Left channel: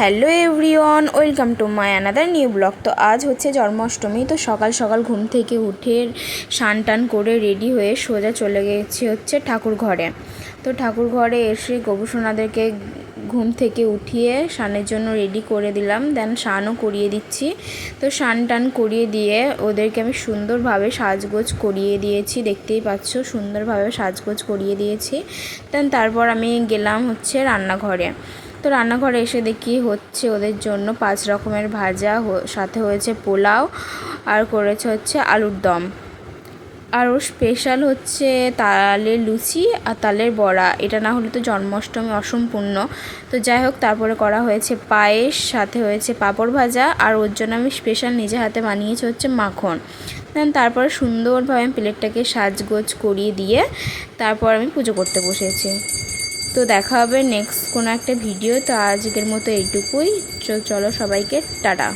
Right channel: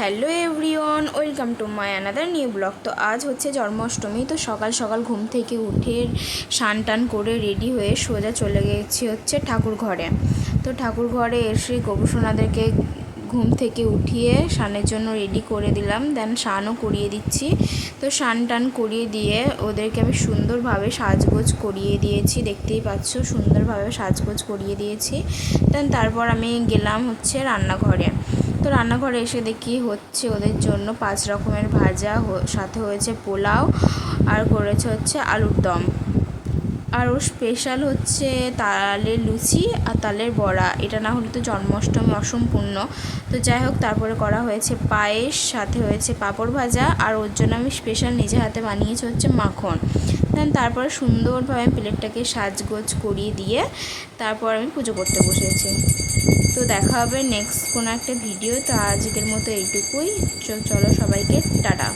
Hello everyone, welcome to my another new blog. তো আজ হচ্ছে জন্মাষ্টমী। তো সকাল সকাল ঘুম থেকে উঠে স্নান টান করে রেডি হয়ে সোজা চলে গেছি হচ্ছে ঠাকুর ঘরে। তো ঠাকুর ঘরে এসে গোপুসোনাদেরকে ঘুম থেকে উঠিয়ে স্নানের জন্য রেডি করে দিলাম, দেন স্নানও করিয়ে দিচ্ছি। তো স্নান টান করিয়ে দিয়ে ওদেরকে আমি সুন্দরভাবে সাজগোজ করিয়ে দিয়েছি, দেখতেই পাচ্ছ সুন্দরভাবে সাজগোজ করিয়ে দিয়েছি। দেন তারপর আমি গেলাম হচ্ছে রান্নাঘরে। তো রান্নাঘরে এসে দেখি হচ্ছে ওদের জন্য 5 রকমের ভাজা, সাথে হয়েছে পোলাও, আর করেছে হচ্ছে আলুর দম, আর ওর স্পেশাল হচ্ছে তালের লুচি আর তালের বড়া। এটা না হলে তো জন্মাষ্টমী অসম্পূর্ণ। তো যাই হোক, তারপরে করা হয়েছে পায়েস, সাথে হয়েছে পাঁপড় ভাজা, আর ওর জন্য আমি স্পেশাল নিজে হাতে বানিয়েছি হচ্ছে মাখন। দেন তারপরে সুন্দরভাবে আমি প্লেটটাকে সাজগোজ করিয়ে দিয়ে তারপর আমি পুজো করতে বসেছি। তো দেখা হবে নেক্সট কোনো একটা ভিডিও। তো আজকের মতো এইটুকুই। চলো সবাইকে টাটা।